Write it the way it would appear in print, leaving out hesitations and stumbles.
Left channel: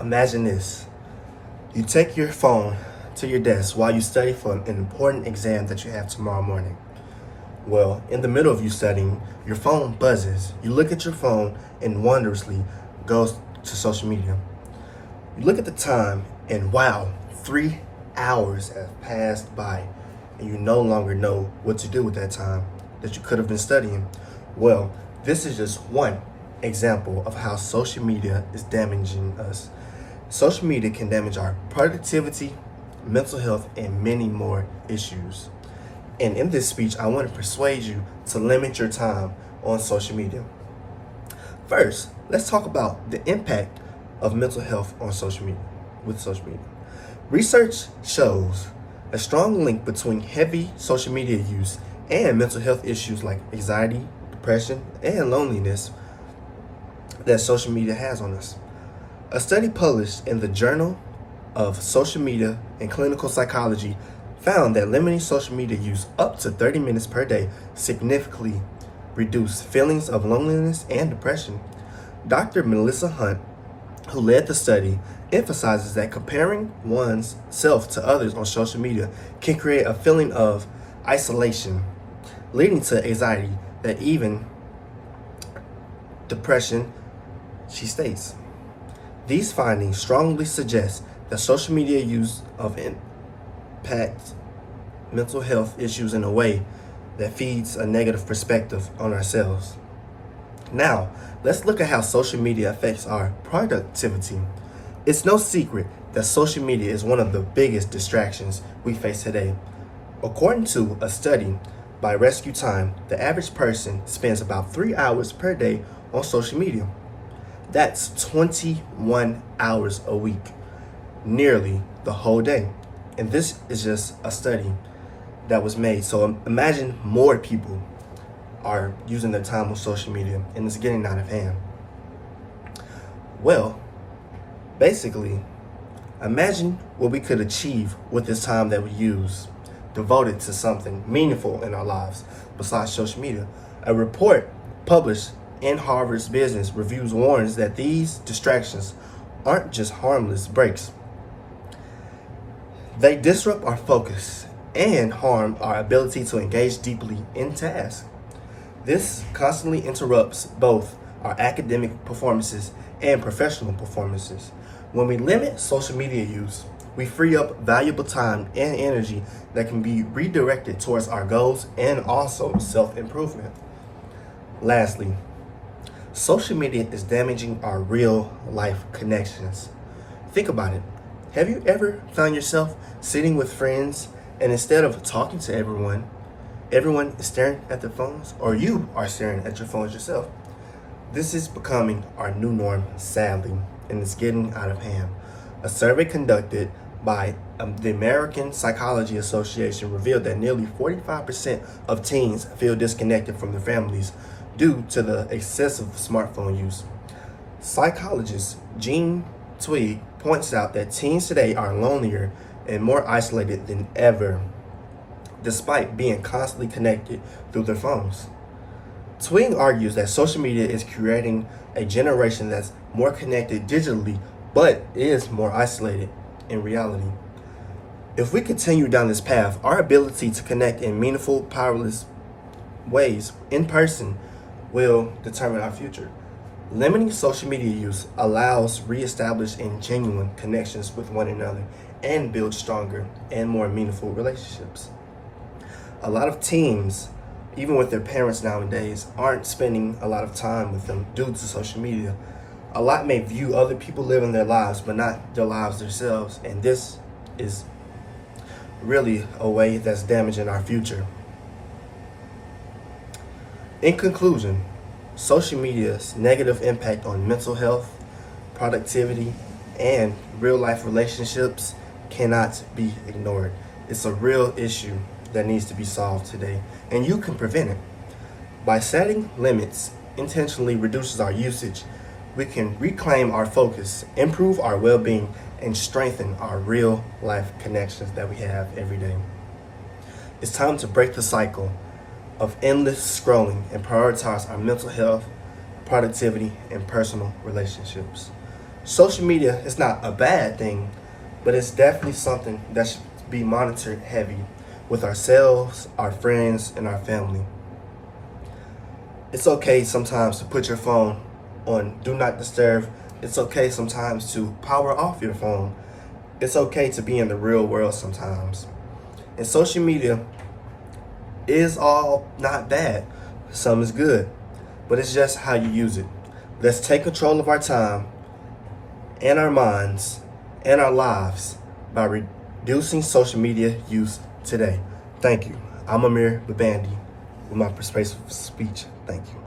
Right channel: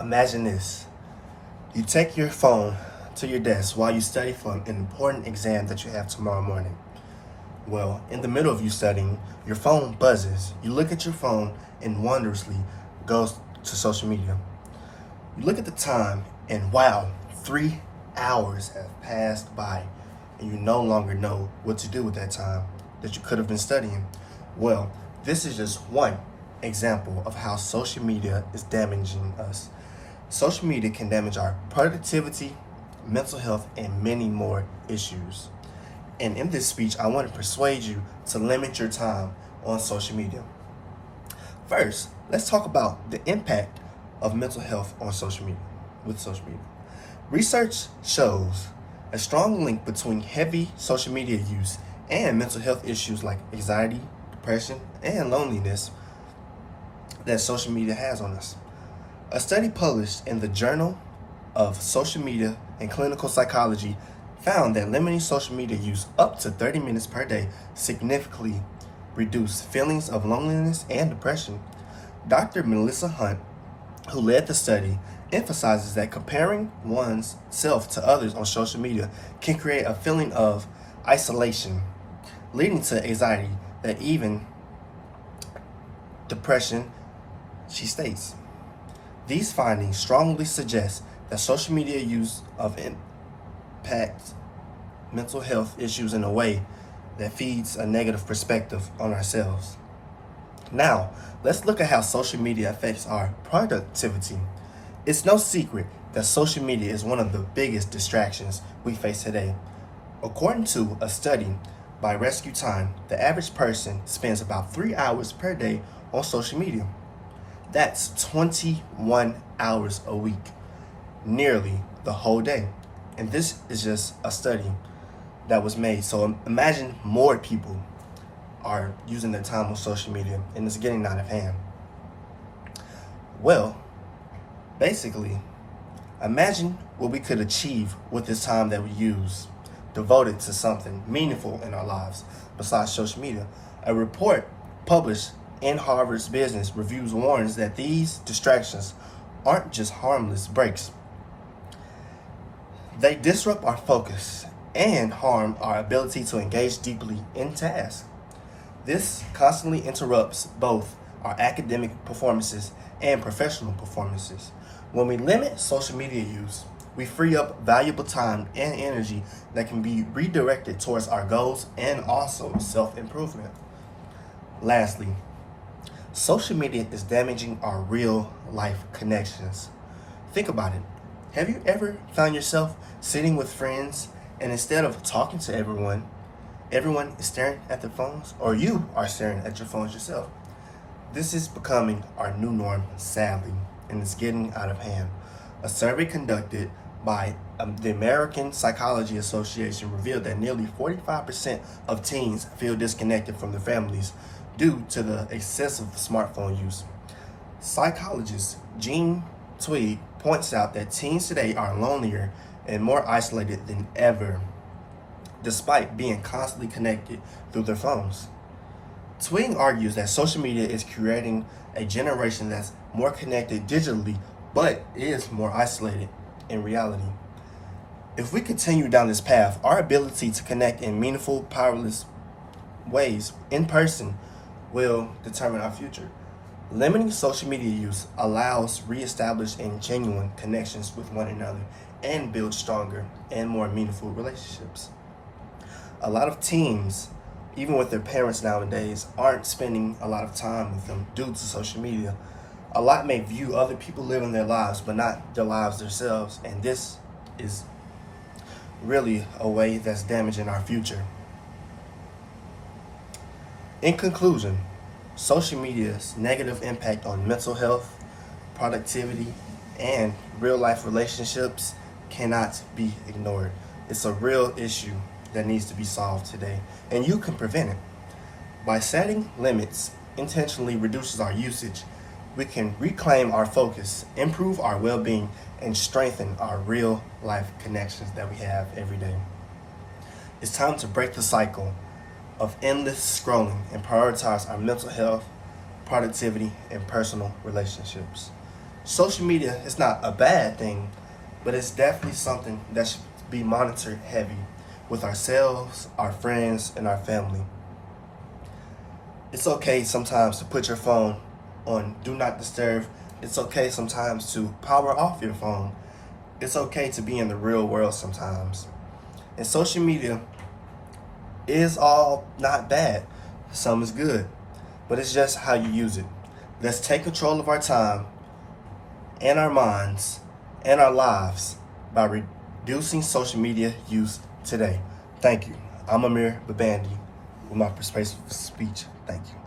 Imagine this. You take your phone to your desk while you study for an important exam that you have tomorrow morning. Well, in the middle of you studying, your phone buzzes. You look at your phone and wondrously goes to social media. You look at the time and wow, 3 hours have passed by and you no longer know what to do with that time that you could have been studying. Well, this is just one example of how social media is damaging us. Social media can damage our productivity, mental health, and many more issues. And in this speech, I want to persuade you to limit your time on social media. First, let's talk about the impact of mental health on social media, with social media. Research shows a strong link between heavy social media use and mental health issues like anxiety, depression, and loneliness that social media has on us. A study published in the Journal of Social Media and Clinical Psychology found that limiting social media use up to 30 minutes per day significantly reduced feelings of loneliness and depression. Dr. Melissa Hunt, who led the study, emphasizes that comparing one's self to others on social media can create a feeling of isolation, leading to anxiety that even depression, she states. These findings strongly suggest that social media use of impacts mental health issues in a way that feeds a negative perspective on ourselves. Now, let's look at how social media affects our productivity. It's no secret that social media is one of the biggest distractions we face today. According to a study by Rescue Time, the average person spends about 3 hours per day on social media. That's 21 hours a week, nearly the whole day. And this is just a study that was made. So imagine more people are using their time on social media and it's getting out of hand. Well, basically, imagine what we could achieve with this time that we use devoted to something meaningful in our lives besides social media. A report published in Harvard's Business Reviews warns that these distractions aren't just harmless breaks. They disrupt our focus and harm our ability to engage deeply in tasks. This constantly interrupts both our academic performances and professional performances. When we limit social media use, we free up valuable time and energy that can be redirected towards our goals and also self-improvement. Lastly, social media is damaging our real life connections. Think about it. Have you ever found yourself sitting with friends and instead of talking to everyone is staring at their phones, or you are staring at your phones yourself? This is becoming our new norm, sadly, and it's getting out of hand. A survey conducted by the American Psychology Association revealed that nearly 45% of teens feel disconnected from their families due to the excessive smartphone use. Psychologist Jean Twigg points out that teens today are lonelier and more isolated than ever, despite being constantly connected through their phones. Twigg argues that social media is creating a generation that's more connected digitally, but is more isolated in reality. If we continue down this path, our ability to connect in meaningful, powerless ways in person will determine our future. Limiting social media use allows reestablished and genuine connections with one another and build stronger and more meaningful relationships. A lot of teens, even with their parents nowadays, aren't spending a lot of time with them due to social media. A lot may view other people living their lives, but not their lives themselves, and this is really a way that's damaging our future. In conclusion, social media's negative impact on mental health, productivity, and real-life relationships cannot be ignored. It's a real issue that needs to be solved today, and you can prevent it. By setting limits intentionally reduces our usage, we can reclaim our focus, improve our well-being, and strengthen our real-life connections that we have every day. It's time to break the cycle of endless scrolling and prioritize our mental health, productivity, and personal relationships. Social media is not a bad thing, but it's definitely something that should be monitored heavy with ourselves, our friends, and our family. It's okay sometimes to put your phone on do not disturb. It's okay sometimes to power off your phone. It's okay to be in the real world sometimes. And social media is all not bad. Some is good, but it's just how you use it. Let's take control of our time and our minds and our lives by reducing social media use today. Thank you. I'm Amir Babandi with my persuasive speech. Thank you.